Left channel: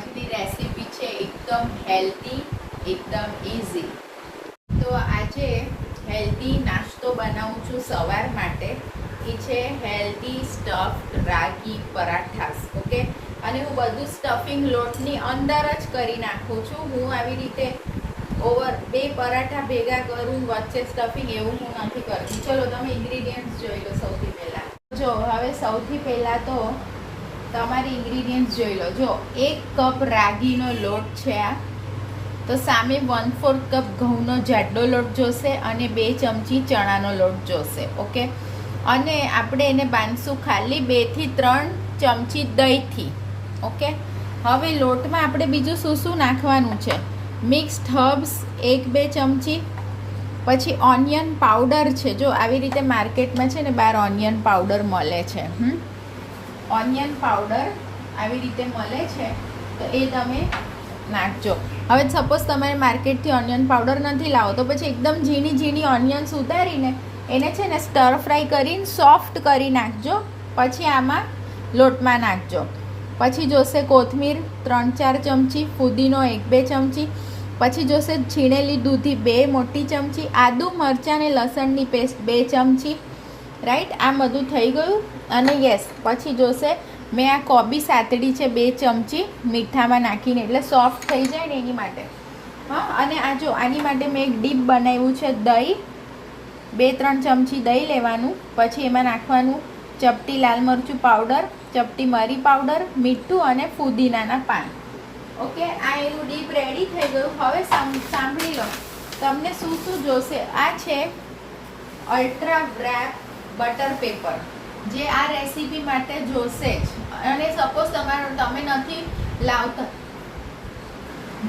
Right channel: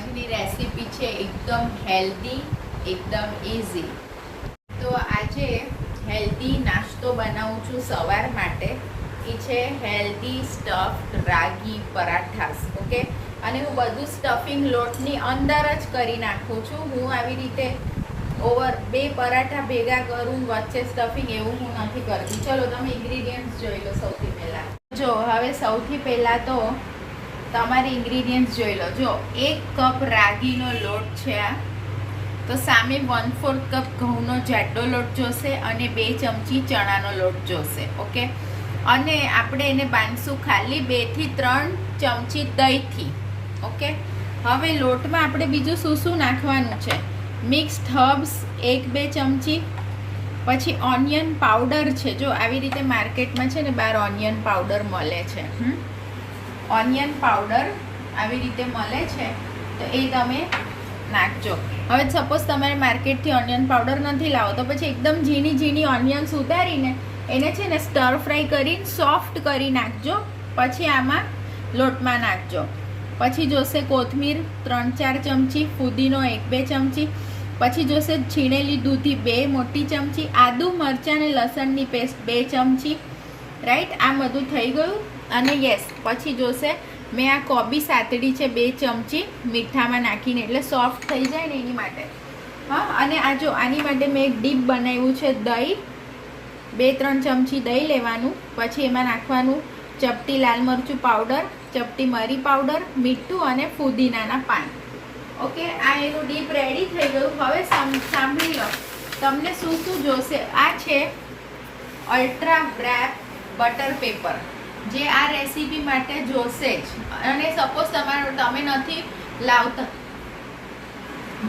આજની રેસીપી છે એકદમ હેલ્ધી, એકદમ ઇઝી. તો આજે હેલ્ધી નાસ્તો બનાવું છું સવાર માટે. એ છે હેલ્ધી સ્ટફ્ડ રાગી પરાઠાસ. ઓકે, અને હું બધું સ્ટફિંગ લોટની અંદર જ કરી નાખું છું. હું આવી રીતે બે પરાઠા ભેગા કરું વચ્ચે સ્ટફિંગ એવું હું નથી કરતી. ચલો તમે ઇન્ગ્રીડિયન્ટ્સ જોઈ લો. સૌથી પહેલાં જો હવે સૌથી પહેલાં તો તમારે ઇન્ગ્રીડિયન્ટ્સ જોઈ લો. જો 1 કપ રાગીનો લોટ છે આ, તો સામે 1/4 કપ ઘઉંનો જાડો લોટ જોશે અને 2 ચમચી ચણાનો લોટ જોશે. ઓકે, અને આપણે એને બાંધશું ખાલી 2 થી 3 ચમચી દહીંથી. ઓકે, હવે લોટમાં આપણે બીજું શું શું નાખવાનું છે? મિક્સ્ડ હર્બ્સ 1-2 ચમચી, પછી ઓનિયન પાવડર છે. જો આવી રીતે માર્કેટમાં છે ને બહાર ઓનિયન પાવડર મળે છે. ઓનિયન પાવડર આવી રીતે મળે છે, તો એ તમે નાખજો. હવે સપોઝ તમારે માર્કેટથી ઓનિયન પાવડર નથી લાવો તો પછી એકદમ ઝીણી ઝીણી ઓનિયન્સ ઉતારીને એને છે ને સ્ટર ફ્રાય કરીને સોફ્ટ કરી નાખજો. પછી આમાં લોટમાં નાખજો. પછી જોશે કોથમીર 3-4 ચમચી, ફુદીનો 1-2 ચમચી, પછી જોશે છીણેલી દૂધી 2 મોટી ચમચી, આદુ મરચાં અને લસણની પેસ્ટ 2 ચમચી. રાઈટ, આ બધું થઈ ગયું. અને યસ, પછી જોશે મેં આ કોબી સાતડી છે 2 ચમચી મીઠામાં નાખીને, એટલે સોફ્ટ થઈ જાય ને એની માટે. હા, અને આ જો આની માટે મેં એક ડીપ બનાવ્યું છે દહીં. 2-3 ચમચી દહીં લેવાનું, પછી એમાં નાખવાનું ચપટી લાલ મરચું પાવડર, ચપટી મરી પાવડર, મીઠું અને ફુદીનાના પાન. ઓકે, આ એનું ડીપ રેડી થઈ ગયું. હવે સાંભળી લો તમને શું શું જોશે. આ છે અલ્ટ્રા વ્રેપ બટર પેપર, જે આ રેસીપી માટે જોશે જ. અને સપોઝ તમે નથી લાવતા,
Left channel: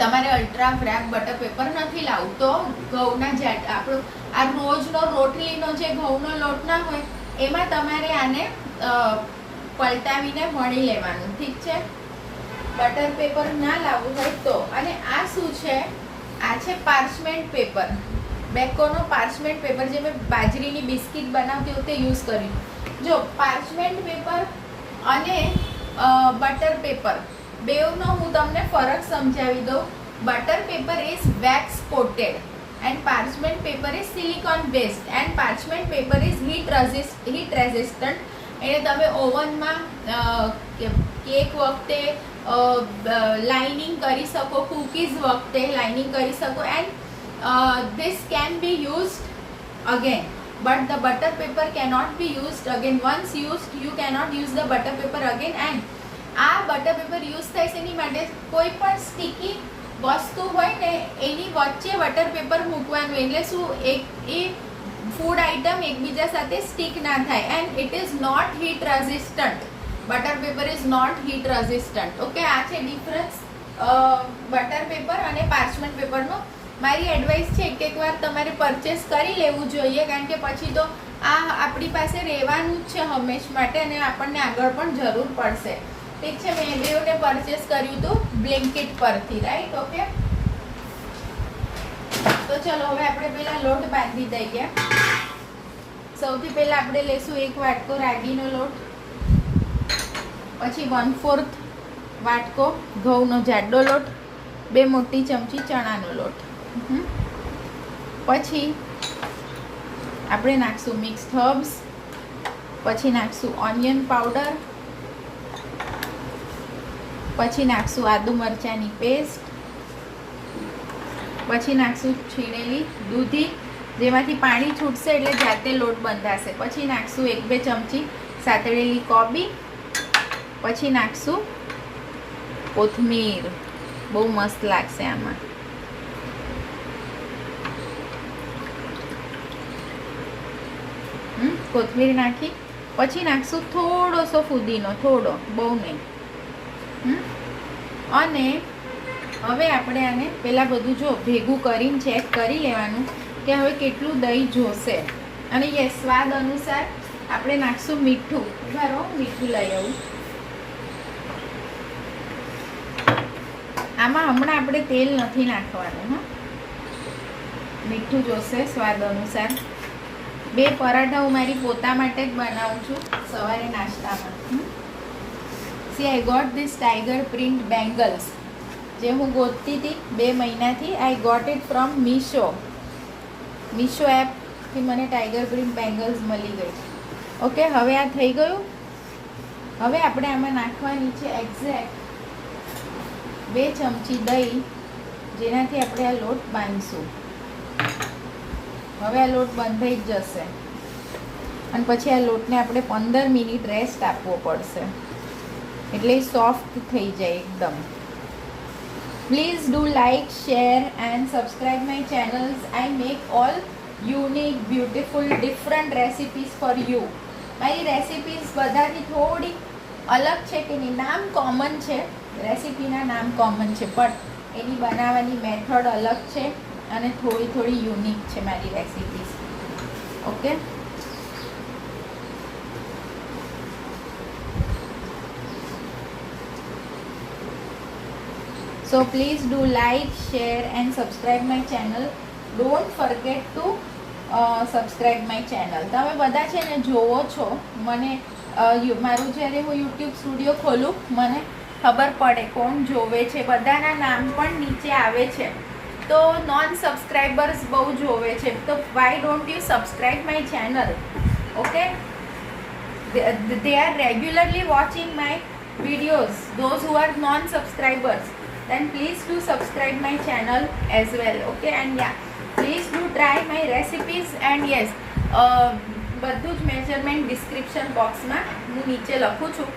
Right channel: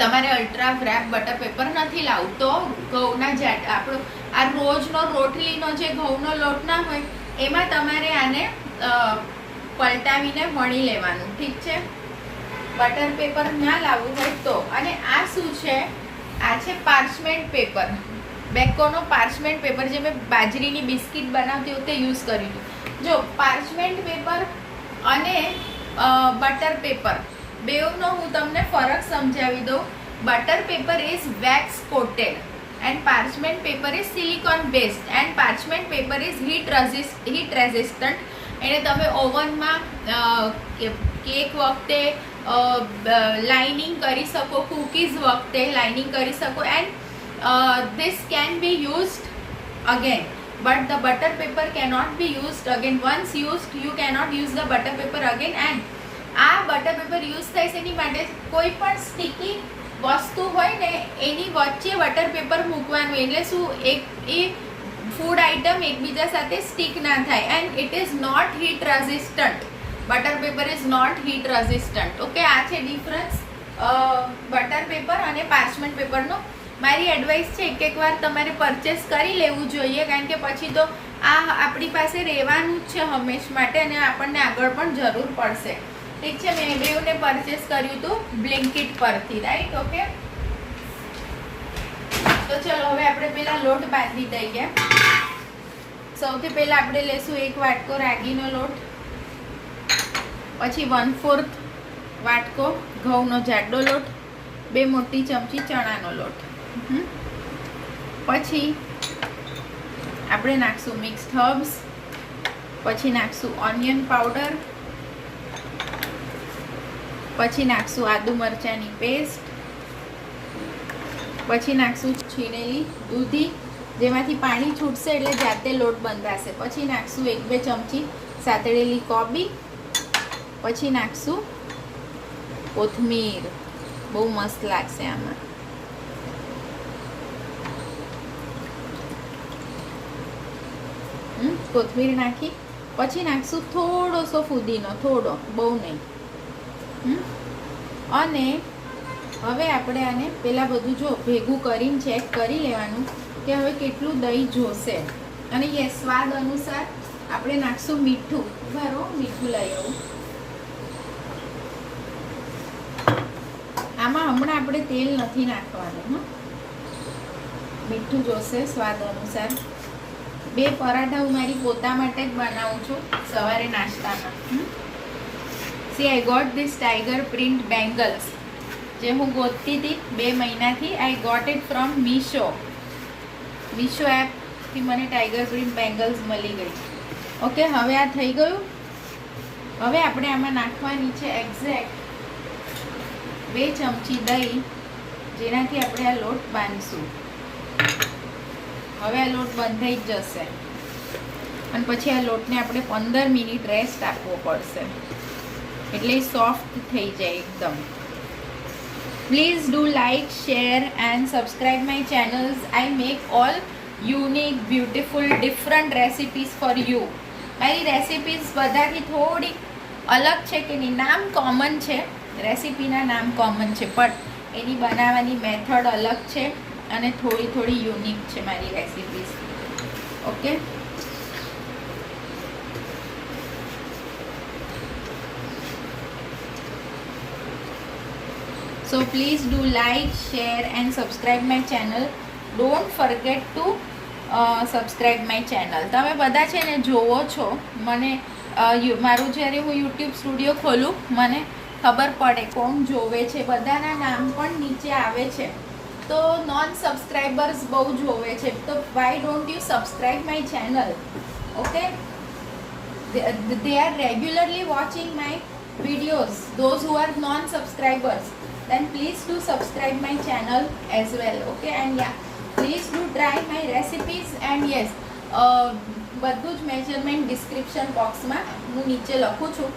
તમારે અલ્ટ્રા વ્રેપ બટર પેપર નથી લાવવું તો ઘઉંના આપણું આ રોજનો રોટલીનો જે ઘઉંનો લોટ ના હોય એમાં તમારે આને પલટાવીને વણી લેવાનું. ઠીક છે, બટર પેપર ના લાવવું હોય તો. અને આ શું છે? આ છે પાર્ચમેન્ટ પેપર, બેકોનો પાર્ચમેન્ટ પેપર, જે મેં બાજરીની બિસ્કિટ બનાવતી વખતે યુઝ કર્યું હતું. જો પાર્ચમેન્ટ પેપર અને બટર પેપર બેવનો હું તમને ફરક સમજાવી દઉં. Butter paper is wax coated and parchment paper is silicon based and parchment paper is heat resistant. એને તમે ઓવનમાં કેક વખતે લાઇનિંગ કરી શકો, કૂકીઝ વખતે લાઇનિંગ કરી શકો. And this can be used again, but the butter paper cannot be used again. Once used, you cannot use the butter paper again. And આ butter paper use થાય છે એની માટે કોઈ પણ સ્ટીકી વસ્તુ હોય ને એની વચ્ચે બટર પેપર મૂકવાનું, એટલે શું એ ફૂડ આઇટમ એકબીજા સાથે સ્ટીક ના થાય. And it is not heat resistant. Butter paper is not heat resistant. Okay, આ છે ડિફરન્સ બટર પેપર અને પાર્ચમેન્ટ પેપરનો. મારી એડવાઇસ છે એક વાર તમારે પરચેસ કરી લેવું જોઈએ, કારણ કે પછી તો આ આપણી પાસે રહેવાનું જ છે હંમેશ માટે અને આપણને આગળ પણ જરૂર પડશે. ઠીક છે, મેં બેઉને પરચેસ કર્યું હતું બ્લિંકિટ પરથી. Right, okay. તો ચલો હવે આપણે પહેલાં લોટ બાંધી દઈએ. સૌથી પહેલાં આપણે લઈશું 1 વાટકો રાગીનો લોટ, પછી 1/4 વાટકો ઘઉંનો જાડો લોટ, 2 મોટી ચમચી ચણાનો લોટ. પછી આપણે નાખશું મિક્સ્ડ હર્બ્સ, પછી નાખશું ઓનિયન પાવડર, પછી નાખશું આદુ મરચાંની પેસ્ટ, પછી નાખશું છીણેલી દૂધી જેમાંથી પાણી છૂટશે એટલે જાતે લોટ બંધાશે. પછી નાખશું 1-2 ચમચી સાતળેલી કોબી, પછી નાખશું કોથમીર. બહુ મસ્ત લાગશે આમાં. કોથમીર નાખી પછી નાખશું થોડોસો ફુદીનો, થોડો, બહુ નહીં. અને હવે આપણે આને પહેલાં બધું જો ભેગું કરીને ચેક કરી લેવાનું કે હવે કેટલું દહીં જોશે. અને યસ, સ્વાદ અનુસાર આપણે નાખશું મીઠું. બરાબર, મીઠું લઈ આવું. આમાં હમણાં આપણે તેલ નથી નાખવાનું. મીઠું જોશે સ્વાદ અનુસાર. 2 પરાઠા હું મારી પોતા માટે જ બનાવું છું સવારે નાસ્તામાં. See, I got this tiger print bangles. જે હું ગોતતી હતી 2 મહિનાથી. I got it from Meesho એપથી મને ટાઈગર પ્રિન્ટ બેંગલ્સ મળી ગઈ. ઓકે, હવે આ થઈ ગયું. હવે આપણે આમાં નાખવાની છે એક્ઝેક્ટ 2 ચમચી દહીં, જેનાથી આપણે આ લોટ બાંધીશું. હવે આ લોટ બંધાઈ જ જશે અને પછી આ લોટને આપણે 15 મિનિટ રેસ્ટ આપવો પડશે, એટલે સોફ્ટ થઈ જાય એકદમ. Please do like, share and subscribe my channels. I make all unique, beautiful, different recipes for you. મારી રેસિપીઝ બધાથી થોડી અલગ છે કે નહીં, નામ કોમન છે, રેસિપીના નામ કોમન છે, બટ એની બનાવવાની મેથડ અલગ છે અને થોડી યુનિક છે મારી recipes. Okay, so please do like, share and subscribe my channel. Don't forget to subscribe my channel. તમે બધા છે ને જોવો છો, મને મારું જ્યારે હું યુટ્યુબ સ્ટુડિયો ખોલું મને ખબર પડે કોણ જોવે છે, બધાના નામ પણ નીચે આવે છે. તો નોન સબસ્ક્રાઈબર્સ બહુ જોવે છે, તો why don't you subscribe my channel? Okay, they are regularly watching my videos. Those who are non subscribers, then please do subscribe my channel as well. Okay, and yeah, please do try my recipes. And yes, બધું જ measurement description બોક્સમાં હું નીચે લખું છું.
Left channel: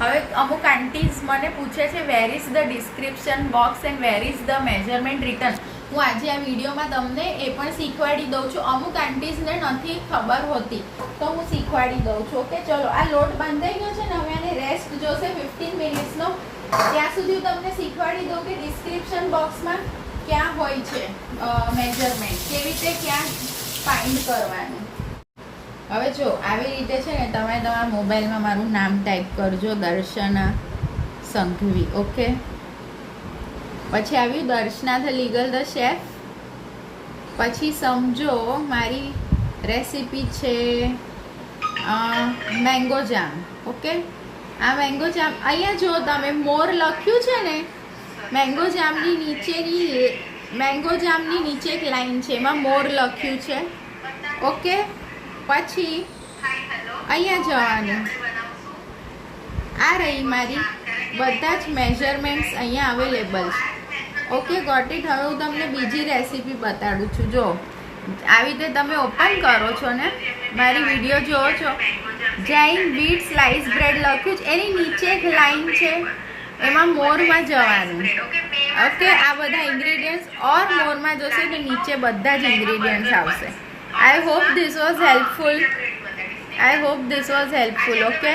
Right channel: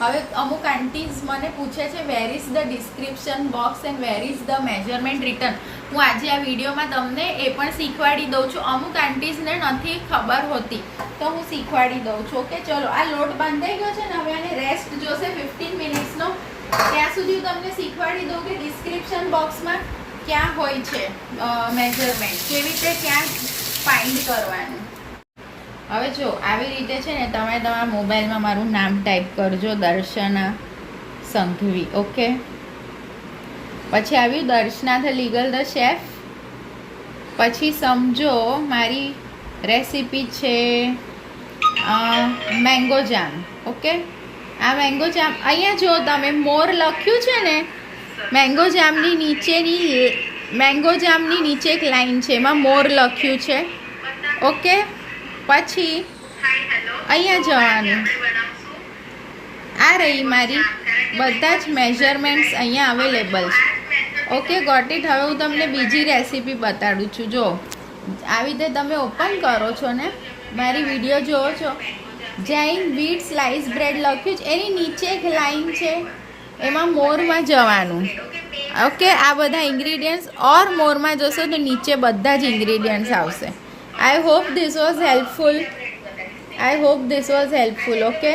હવે અમુક આંટીઝ મને પૂછે છે where is the description box and where is the measurement return. હું આજે આ વિડીયોમાં તમને એ પણ શીખવાડી દઉં છું. અમુક આંટીઝને નથી ખબર હોતી તો હું શીખવાડી દઉં છું. ઓકે, ચલો આ લોટ બાંધાઈ ગયો છે ને, હવે આને રેસ્ટ જોશે 15 મિનિટ્સનો. ત્યાં સુધી હું તમને શીખવાડી દઉં કે ડિસ્ક્રિપ્શન બોક્સમાં ક્યાં હોય છે મેજરમેન્ટ, કેવી રીતે ક્યાં ફાઇન્ડ કરવાનું. હવે જો આવી રીતે છે ને, તમે તમારા મોબાઈલમાં મારું નામ ટાઈપ કરજો, દર્શના સંઘવી. ઓકે, પછી આવ્યું Darshana the legal the chef. પછી સમજો મારી રેસીપી છે મેંગો જામ. ઓકે, આ મેંગો જામ અહીંયા જો તમે મોર લખ્યું છે ને, મેંગો જામની નીચે એક લાઈન છે, એમાં મોર લખ્યું છે. ઓકે, પછી અહીંયા જવાનું. આ રહી મારી બધા જ મેજરમેન્ટ્સ અહીંયા અવેલેબલ છે. Okay, got it. હવે હું તમને બીજી રેસીપી બતાડું છું. જો આવી રીતે તમે ઓપન કરો છો ને, મારી વિડીયો જોવો છો, જૈન વીટ સ્લાઇસ બ્રેડ લખ્યું છે, એની નીચે એક લાઈન છે, એમાં મોરમાં જવાનું. ઓકે, આ બધા ઇન્ગ્રીડિયન્ટ્સ ઓર મોરમાં જશે તો નીચે બધા જ ઇન્ગ્રીડિયન્ટ્સ આવશે. I hope this was helpful. Okay,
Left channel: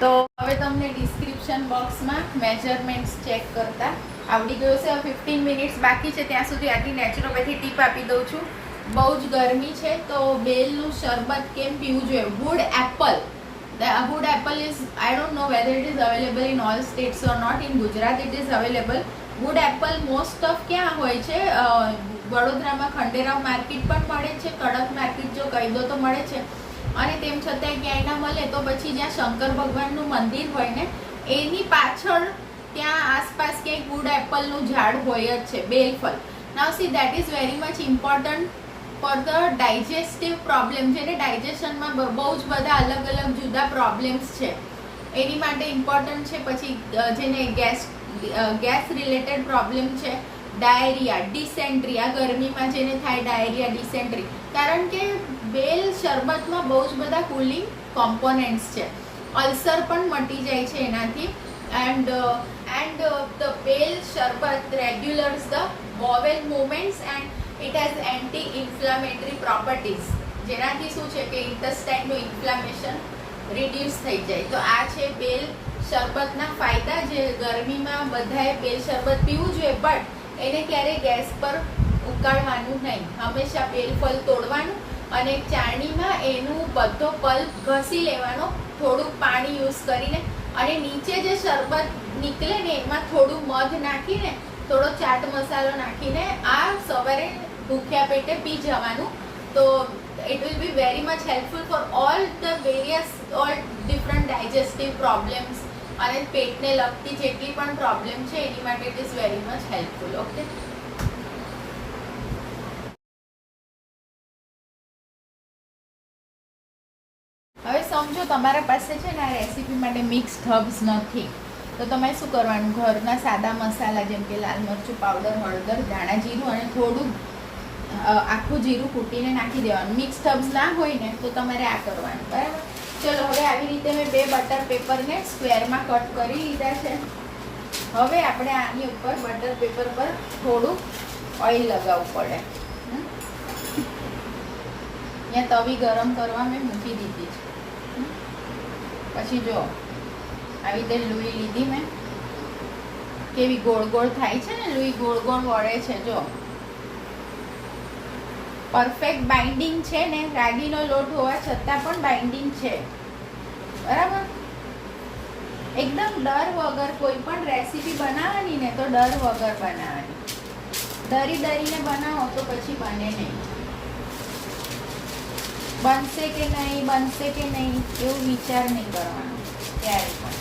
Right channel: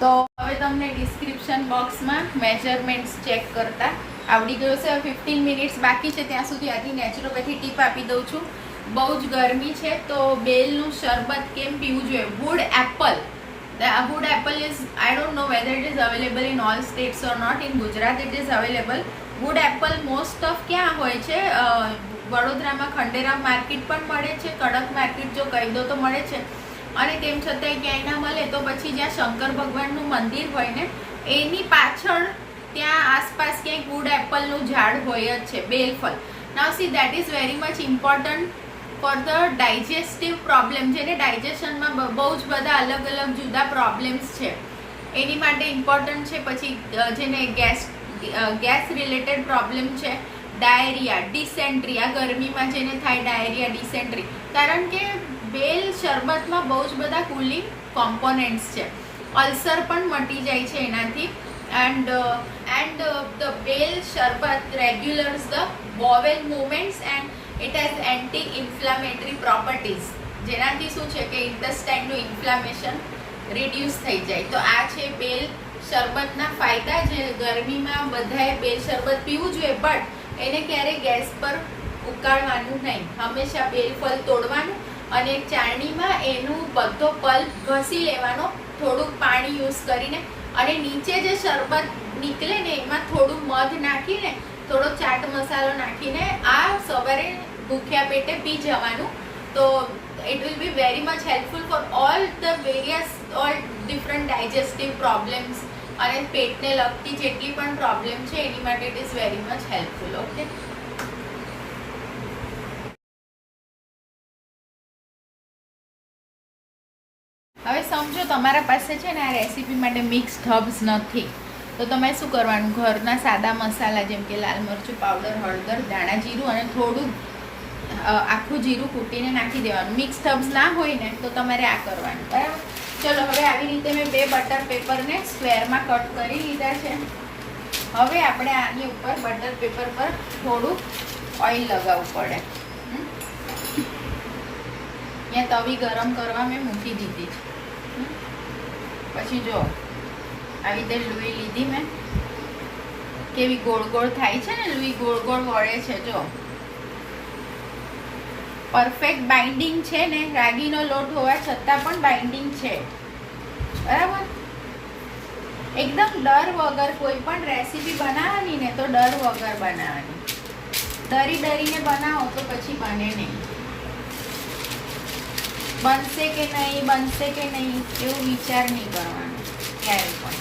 તો હવે તમને ડિસ્ક્રિપ્શન બોક્સમાં મેજરમેન્ટ્સ ચેક કરતા આવડી ગયું છે. 15 મિનિટ્સ બાકી છે, ત્યાં સુધી આટલી નેચરોપેથી ટીપ આપી દઉં છું. બહુ જ ગરમી છે તો બેલનું શરબત કેમ પીવું જોઈએ. Wood apple, the wood apple is, I don't know whether it is available in all states or not. In Gujarat it is available. wood apple most of ક્યાં હોય છે, વડોદરામાં ખંડેરાવ માર્કેટ પણ મળે છે, કડક માર્કેટ જો કહી દો તો મળે છે. અને તેમ છતાંય ક્યાંય ના મળે તો પછી જ્યાં શંકર ભગવાનનું મંદિર હોય ને એની પાછળ ત્યાં આસપાસ ક્યાંય વુડ એપલનું ઝાડ હોય જ છે, બેલફળ. Now see that is very much important for the digestive problem, જેને ડાયજેશનમાં બહુ જ બધા અલગ અલગ જુદા પ્રોબ્લેમ્સ છે, એની માટે ઇમ્પોર્ટન્ટ છે. પછી જેને ગેસ રિલેટેડ પ્રોબ્લેમ છે, ડાયરિયા, ડિસેન્ટ્રી, આ ગરમીમાં જેને થાય ડાયરિયા, ડિસેન્ટ્રી, કારણ કે બેલ શરબતમાં બહુ જ બધા કુલિંગ કોમ્પોનેન્ટ્સ છે. અલ્સર પણ મટી જાય છે એનાથી. and the bale sharbat regulates the bowel movements and it has anti-inflammatory properties, જેનાથી શું છે કે ઇન્ટેસ્ટાઇનનું ઇન્ફ્લામેશન રિડ્યુસ થઈ જાય. તો આ છે બેલ શરબતના ફાયદા, જે ગરમીમાં બધાએ બેલ શરબત પીવું જોઈએ, બટ એને ક્યારેય ગેસ પર ઉકાળવાનું નહીં. હંમેશા બેલ ફળ તોડવાનું અને એક ચાળણીમાં એનું બધો પલ્પ ઘસી લેવાનો, થોડુંક પાણી યુઝ કરીને, અને નીચે જે શરબત નીકળે ને એમાં થોડું મધ નાખીને, થોડો ચાટ મસાલો નાખીને આ સવારે ભૂખ્યા પેટે પી જવાનું. તો it will be very much helpful for all different digestive problems અને પેટને લગતી જેટલી પણ પ્રોબ્લેમ છે એની માટે it is very much helpful. Okay, હવે સમજો તમારા પાસે છે ને આ રેસીપી માટે મિક્સ હર્બ્સ નથી, તો તમારે શું કરવાનું, ઘરના સાદા મસાલા જેમ કે લાલ મરચું પાવડર, હળદર, ધાણા જીરું અને થોડું આખું જીરું કૂટીને નાખી દેવાનું. મિક્સ હર્બ્સ ના હોય ને તો તમારે આ કરવાનું. બરાબર, ચલો હવે આવી રીતે મેં 2 બટર પેપરને સ્ક્વેરમાં કટ કરી લીધા છે. હવે આપણે આની ઉપર બટર પેપર પર થોડું ઓઇલ લગાવવું પડે. અહીંયા તવી ગરમ કરવા મેં મૂકી દીધી છે. પછી જો આવી રીતે લુઈ લીધી મેં, કેવી ગોળ ગોળ થાય છે ને, લુઈ ગોળ ગોળ વળે છે. જો પરફેક્ટ બાઇન્ડિંગ છે ને, રાગીનો લોટ હોવા છતાં પણ બાઇન્ડિંગ છે. બરાબર, એકદમ ડર વગર કોઈ પણ રેસીપી બનાવવાની ને તો ડર વગર બનાવવાની. ડરીને બનાવો તો પછી બને નહીં. બનશે કે નહીં એવું વિચાર નહીં કરવાનો ક્યારે પણ.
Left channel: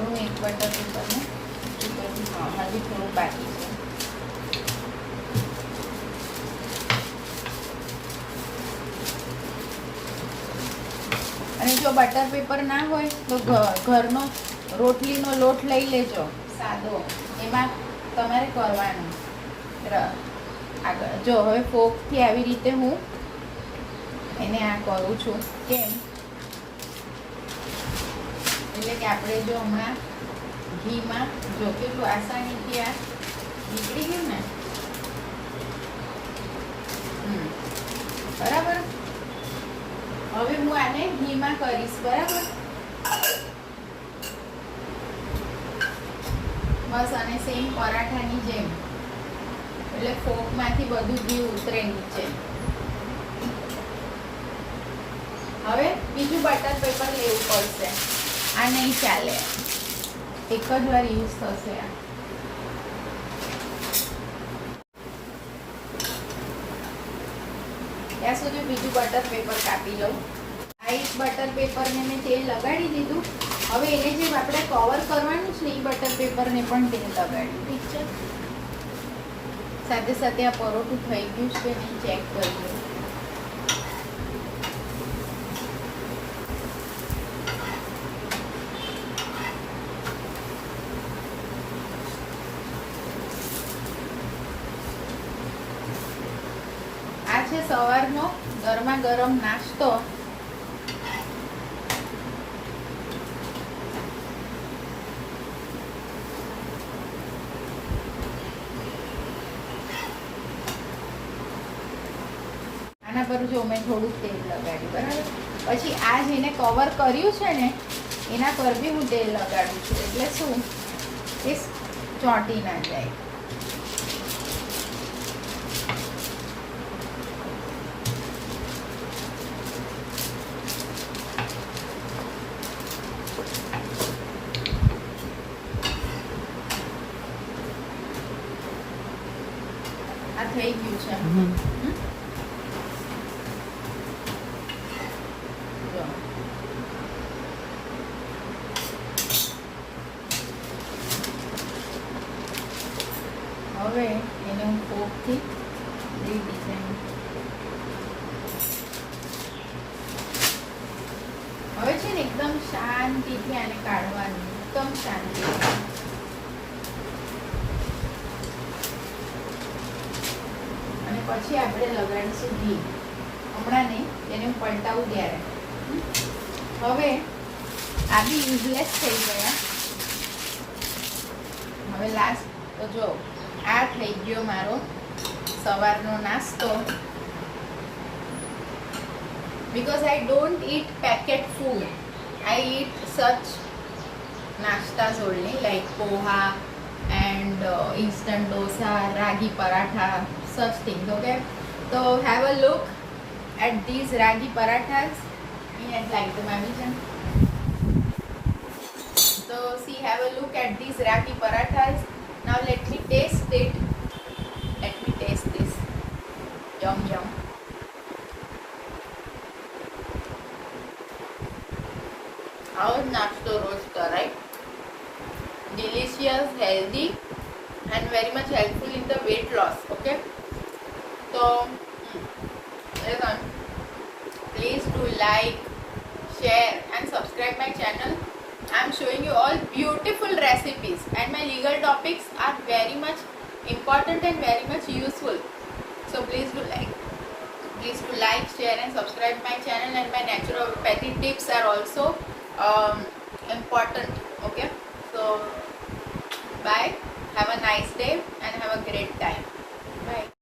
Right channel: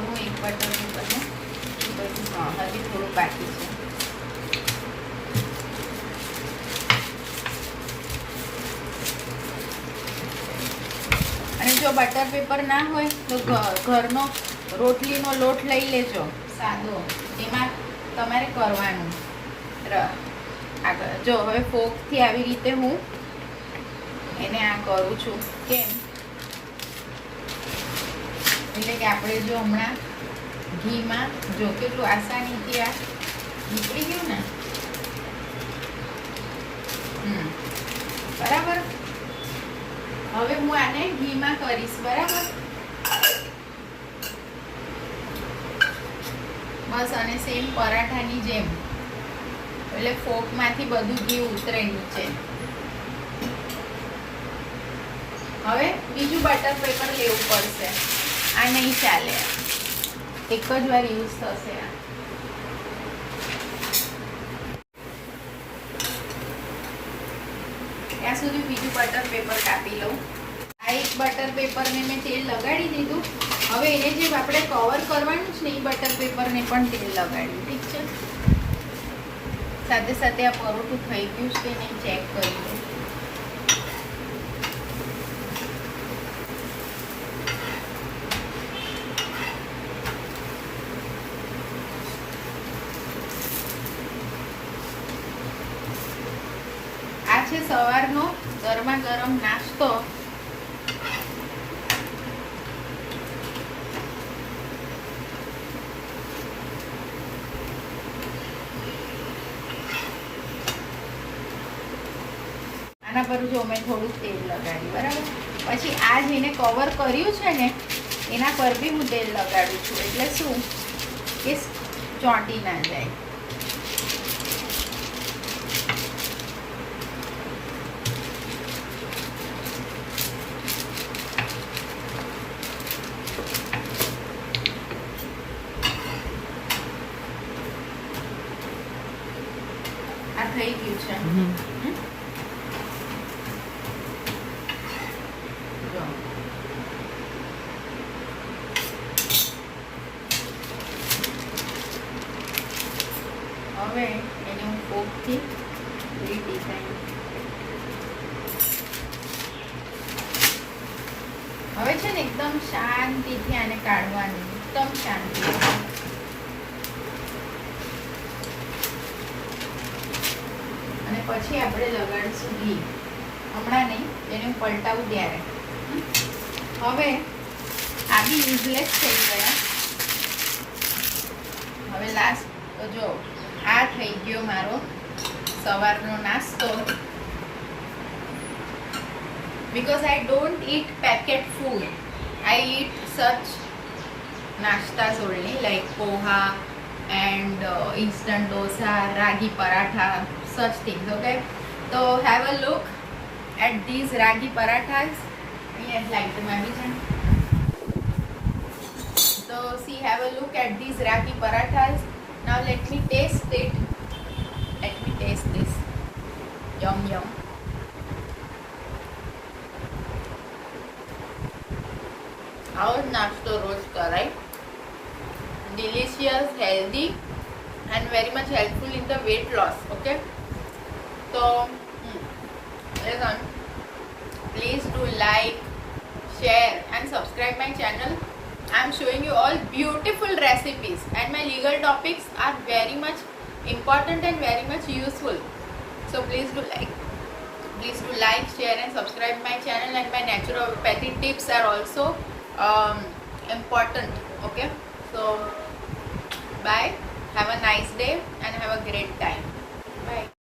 હું એક બટર પેપરને હજી થોડું બાકી છે. અને જો બટર પેપર ના હોય તો ઘરનો રોટલીનો લોટ લઈ લેજો સાદો, એમાં તમારે કરવાનું. આગળ જો હવે ફોકથી આવી રીતે હું એને આ કરું છું. કેમ? એટલે કે આપણે જો હમણાં ઘીમાં જો કેટલું આસાનીથી આ નીકળી ગયું ને. બરાબર, હવે હું આને ઘીમાં કરીશ. બરાબર, બસ. અને સેમ પરાઠાની જેમ, એટલે ફોકમાંથી બધું ઘી ઉતરે નીચે. હવે બીજું બટર પેપર લેવું પડશે. આ નહીં ચાલે, એક જ વાર યુઝ થશે આ. ત્યાં સુધી બીજું બટર પેપર કાપી લઉં. આ એક બટર પેપરને મેં તેલ લગાડી દીધું. હવે એને જે આપણે કવર કરવાનું છે ને એ બટર પેપરને પણ તેલ લગાડ્યું. ઠીક છે, સાથે સાથે આ પરોઠું થઈ ગયું છે કે નહીં ચેક કરી લો. આ છે સવારનો ગરમા ગરમ નાસ્તો. આના પર જો મેં થોડુંક તેલ લગાડ્યું. બરાબર, પછી આ જેને કવર કર્યું છે ને એના પર બી હું તેલ લગાડું છું. એટલે શું કે ચોંટી ના જાય. આ થઈ ગયું છે. હવે એને હું ફોર્કથી રીડિઝાઇન. હવે છે ને એકદમ શાંતિથી આને કાઢવાનું, એકદમ શાંતિ. અને પછી આપણે લગાડીશું ઘી. હમણાં નહીં, એને હું પલટાવું ત્યારે. હવે આ બી યુઝલેસ થઈ ગયા. હવે લાસ્ટ તો જો આ થઈ ગયો મારો સવારનો નાસ્તો. because I don't eat packet food, I eat such nastas only like poha and instant dosa, ragi paratha, such things. Okay, so have a look at these ragi parathas. I'd like to mention. So see, have a look at these ragi parathas. Now let me taste it. Let me taste this. Yum yum. નાસ્તો રોજ કરાય. Delicious, healthy and very much helpful in the weight loss. Okay, so listen, please do like, share and subscribe my channel. I'm showing you all beautiful recipes and my legal topics are very much important and very much useful. So please do like, share and subscribe my channel, and my naturopathy tips are also important. Okay, so bye, have a nice day and have a great time. Bye.